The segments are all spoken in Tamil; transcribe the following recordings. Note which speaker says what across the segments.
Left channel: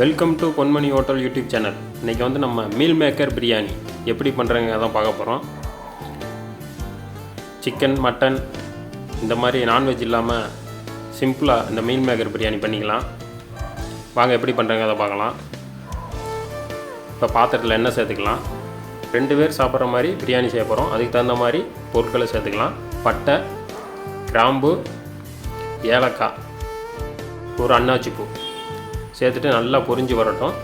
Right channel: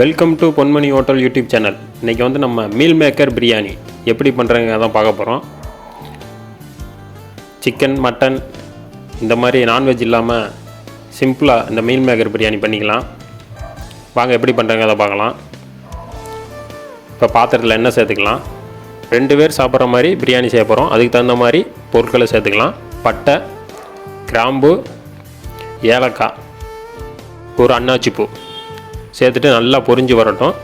Speaker 1: Welcome to Ponmani hotel YouTube channel இன்றைக்கி வந்து நம்ம மீல் மேக்கர் பிரியாணி எப்படி பண்ணுறங்க தான் பார்க்க போகிறோம் சிக்கன் மட்டன் இந்த மாதிரி நான்வெஜ் இல்லாமல் சிம்பிளாக இந்த மீல் மேக்கர் பிரியாணி பண்ணிக்கலாம். வாங்க எப்படி பண்ணுறாங்க அதை பார்க்கலாம். இப்போ பாத்திரத்தில் என்ன சேர்த்துக்கலாம். ரெண்டு பேர் சாப்பிட்ற மாதிரி பிரியாணி செய்ய போகிறோம் அதுக்கு தகுந்த மாதிரி பொருட்களை சேர்த்துக்கலாம். பட்டை கிராம்பு ஏலக்காய் ஒரு அன்னாச்சிப்பூ சேர்த்துட்டு நல்லா பொரிஞ்சு வரட்டும்.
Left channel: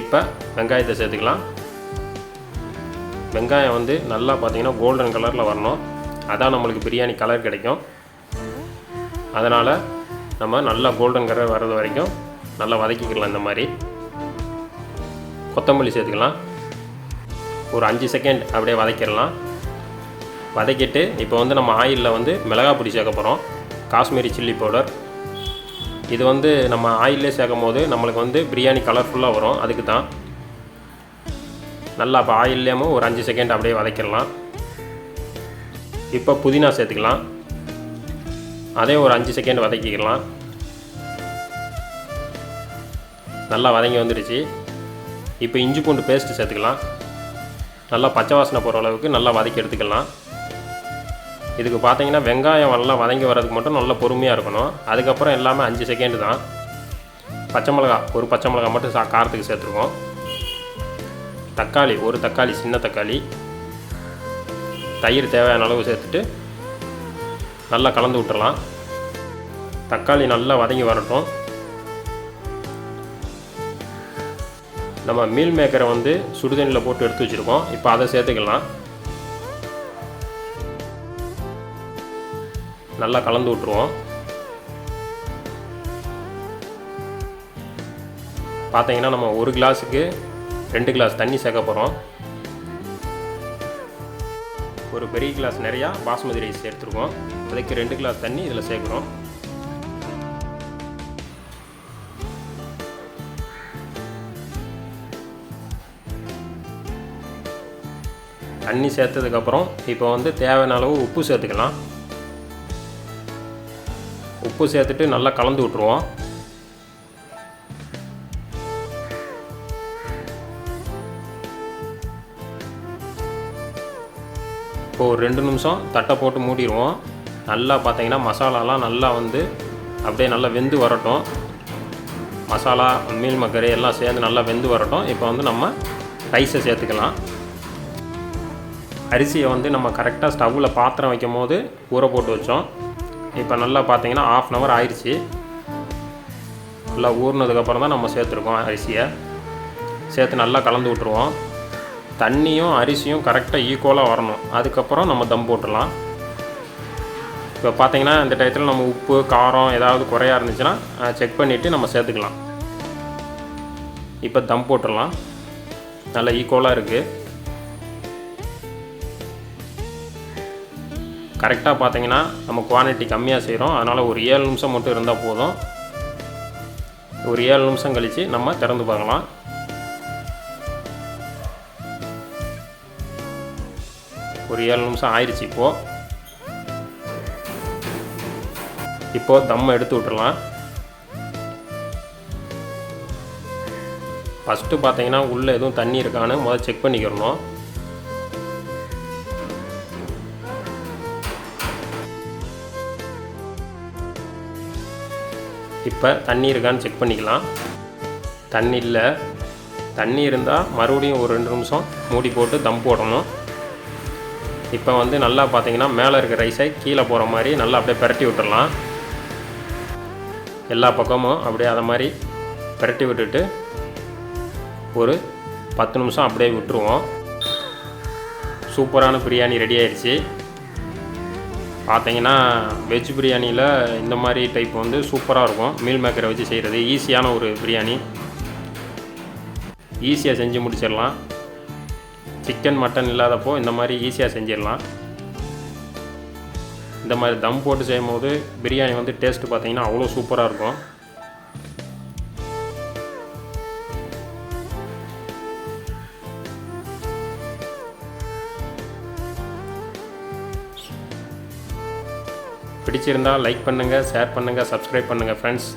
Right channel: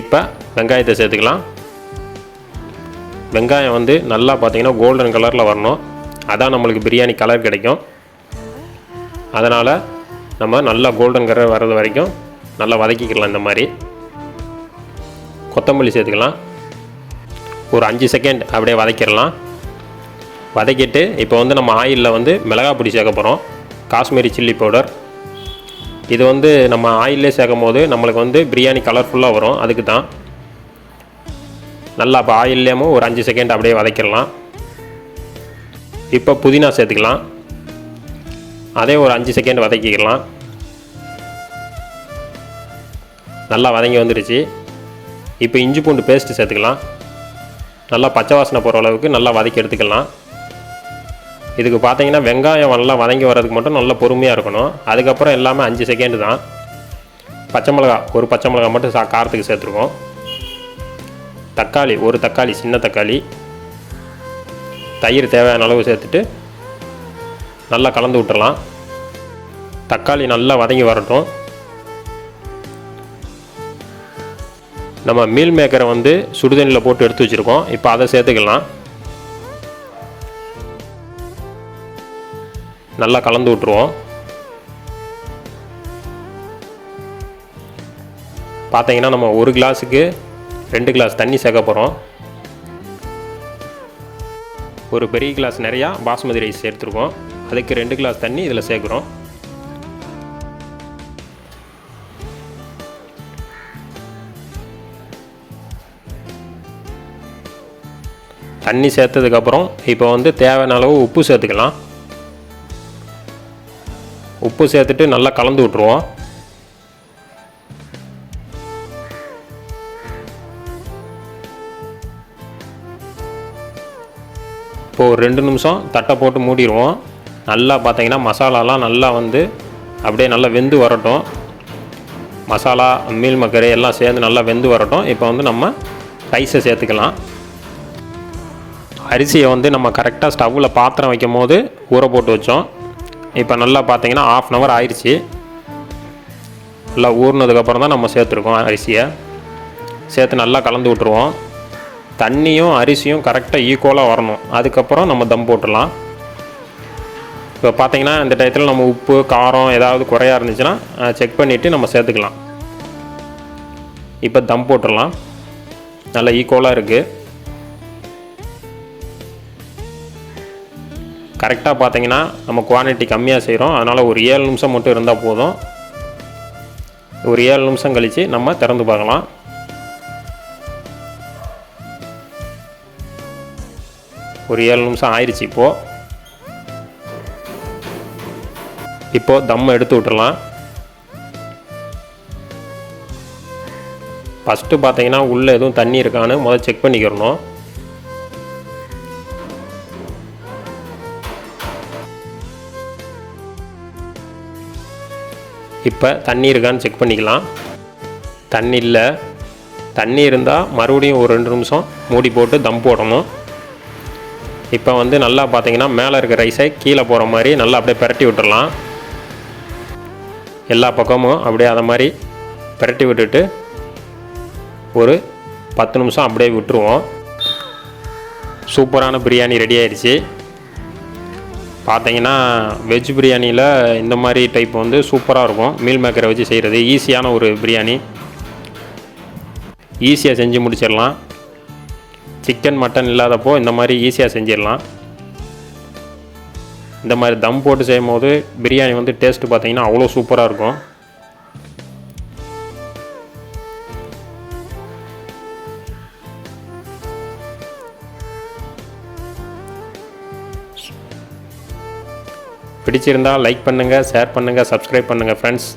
Speaker 1: இப்போ வெங்காயத்தை சேர்த்துக்கலாம். வெங்காயம் வந்து நல்லா பார்த்தீங்கன்னா கோல்டன் கலரில் வரணும். அதான் நம்மளுக்கு பிரியாணி கலர் கிடைக்கும். அதனால் நம்ம நல்லா கோல்டன் கலர் வர்றது வரைக்கும் நல்லா வதக்கிக்கலாம் இந்த மாதிரி. கொத்தமல்லி சேர்த்துக்கலாம். ஒரு அஞ்சு செகண்ட் அப்படியே வதக்கிடலாம். வதக்கிட்டு இப்போ வந்து நம்ம ஆயிலில் வந்து மிளகாய் பொடி சேர்க்க போகிறோம் காஷ்மீரி சில்லி பவுடர் இது வந்து நம்ம ஆயிலே சேர்க்கும் போது நம்மளுக்கு வந்து பிரியாணி கலர்ஃபுல்லாக வரும். அதுக்கு தான் நல்லா இப்போ ஆயில்லேயும் ஒரு அஞ்சு செகண்ட் அப்படியே வதக்கிடலாம். இப்போ புதினா சேர்த்துக்கலாம். அதே ஒரு அஞ்சு செகண்ட் வதக்கிக்கலாம். நல்லா வதங்கி வந்துடுச்சு. இப்போ இஞ்சி பூண்டு பேஸ்ட்டு சேர்த்துக்கலாம். நல்லா பச்சை வாசனை போகிற அளவுக்கு நல்லா வதக்கி எடுத்துக்கலாம். இதுக்கு பார்த்தீங்கன்னா வெங்காயம் நல்லா வதங்கி வர்றதுக்கு மட்டும் நல்லா பொறுமையாக இருக்கணும். அதுக்கப்புறம் எல்லாமே அஞ்சு செகண்டு தான். பச்சை மிளகா ஒரு பச்சை மிளகா மட்டும் சா காரத்துக்கு சேர்த்துருக்கோம் தக்காளி ஒரு தக்காளி சின்ன தக்காளி. தயிர் தேவையான அளவு சேர்த்துட்டு நல்லா கலந்து விட்டுறலாம். தக்காளி நல்லா வதங்கி வரட்டும். நம்ம மீல் மேக்கரை வந்து சுடுதண்ணியில் போட்டு எடுத்து வச்சுருக்கோம். இப்போ அதை சேர்த்துக்கலாம். நல்லா கலந்து விட்ருவோம் பார்த்தீங்கன்னா நம்ம ஒரு கிளாஸுக்கு ரெண்டு கிளாஸ் தண்ணி சேர்க்க போகிறோம் ஒரு பெரிய கிளாஸ் நிறையா பாஸ்மதி ரைஸ் சேர்த்துருக்கோம். அதுக்கு ரெண்டு கிளாஸ் தண்ணி இதில் சேர்க்குறோம். தண்ணி சேர்த்ததுக்கப்புறம் இப்போ வந்து தேவையான அளவு உப்பு சேர்த்துக்கலாம். உப்பு சேர்த்துட்டு நல்லா கலந்து விட்ருவோம் இப்போது ஒரு ரெண்டு நிமிஷம் தட்டை போட்டு மூடிடுவோம். நல்லா பார்த்தீங்கன்னா மசாலாலாம் நல்லா வந்து அப்படியே நல்லா வெந்து வரட்டும். மசாலா மீல் மக்கரை எல்லாம் சேர்ந்து நல்லா வெந்து வரட்டும். இப்போ வந்து நம்ம ரைஸை சேர்த்துக்கலாம். அரிசியை வந்து நம்ம கரெக்டாக ஸ்டவ்வில் பாத்திரம் வைக்கும் போது ஊற போட்டு வச்சோம். இப்போ நல்லா பார்த்தீங்கன்னா ஆஃப் அன் ஹவர் ஆயிடுச்சு நல்லா ஊறினதுக்கப்புறம் தான் நம்ம சேர்த்துருக்கோம் அரிசியை. சேர்த்து நல்லா கலந்து விட்ருவோம் தண்ணியும் அரிசியும் கரெக்டாக ஈக்குவலாக வரணும். அதுக்கப்புறம் நம்ம தம் போட்டுடலாம். இப்போ பார்த்தீங்கன்னா இந்த டயத்தில் நம்ம உப்பு காரம் ஏதாவது குறையா இருந்துச்சுன்னா செக் பண்ணிவிட்டு நம்ம சேர்த்துக்கலாம். இப்போ தம் போட்டுடலாம். நல்லா ஈக்குவலாக இருக்குது கரெக்டாக பார்த்தீங்கன்னா நம்ம குவான்டிட்டி கம்மியாக செய்கிறோம் அதனால் ஒரு ஏழு நிமிஷம் மட்டும் இருந்தால் போதும். ஒரு ஏழு நிமிஷம் கழித்து நம்ம திறந்து பார்க்கலாம். ஒரு ஏழு நிமிஷம் ஆயிடுச்சு இப்போது இப்போது தம் எடுத்து விட்டுறலாம். ஃபஸ்ட்டு பார்த்தீங்கன்னா உள்ளே எதுவும் தண்ணி இருக்கான்னு முதல் செக் பண்ணிக்கிறணும். இப்போ தண்ணி இருக்கான்னு செக் பண்ணிக்கலாம். தண்ணி இல்லை. தண்ணி இருந்தால் மறுபடியும் ஒரு ரெண்டு நிமிஷம் மூடி போட்டு தம் போடணும். இப்போ வந்து நல்லா பார்த்தீங்கன்னா மேலே இருக்க ரைஸை கீழே போகிற மாதிரி நல்லா அப்படியே பிரட்டி விட்டுடலாம் எல்லா பக்கமும் அப்படியே அதை மாதிரி பிரட்டி விட்டுட்டு ஒரு பத்து நிமிஷம் அப்படியே விட்டுருவோம். சூப்பரான பிரியாணி ரெடி ஆயிடுச்சு. பார்த்தீங்கன்னா வெஜ் பிரியாணியில் இந்த மாதிரி டைப் வந்து சூப்பராக இருக்கும். மீல் மேக்கரை வச்சு செய்கிறது ஈஸியான ஒரு பிரியாணி. ஈஸியாக செஞ்சு முடிச்சிடலாம். சிக்கன் மட்டன் இல்லாதப்போ இந்த மாதிரி ஈஸியாக செஞ்சிடலாம். இந்த மாதிரி தம் போட்டு செய்யும் போது பிரியாணி வந்து டேஸ்ட்டு பார்த்தீங்கன்னா அவ்வளோ சூப்பராக இருக்கும். பிடிச்சிருந்தால் லைக் பண்ணுங்கள் ஷேர் பண்ணுங்கள் சப்ஸ்கிரைப் பண்ணுங்கள் ஃப்ரெண்ட்ஸ்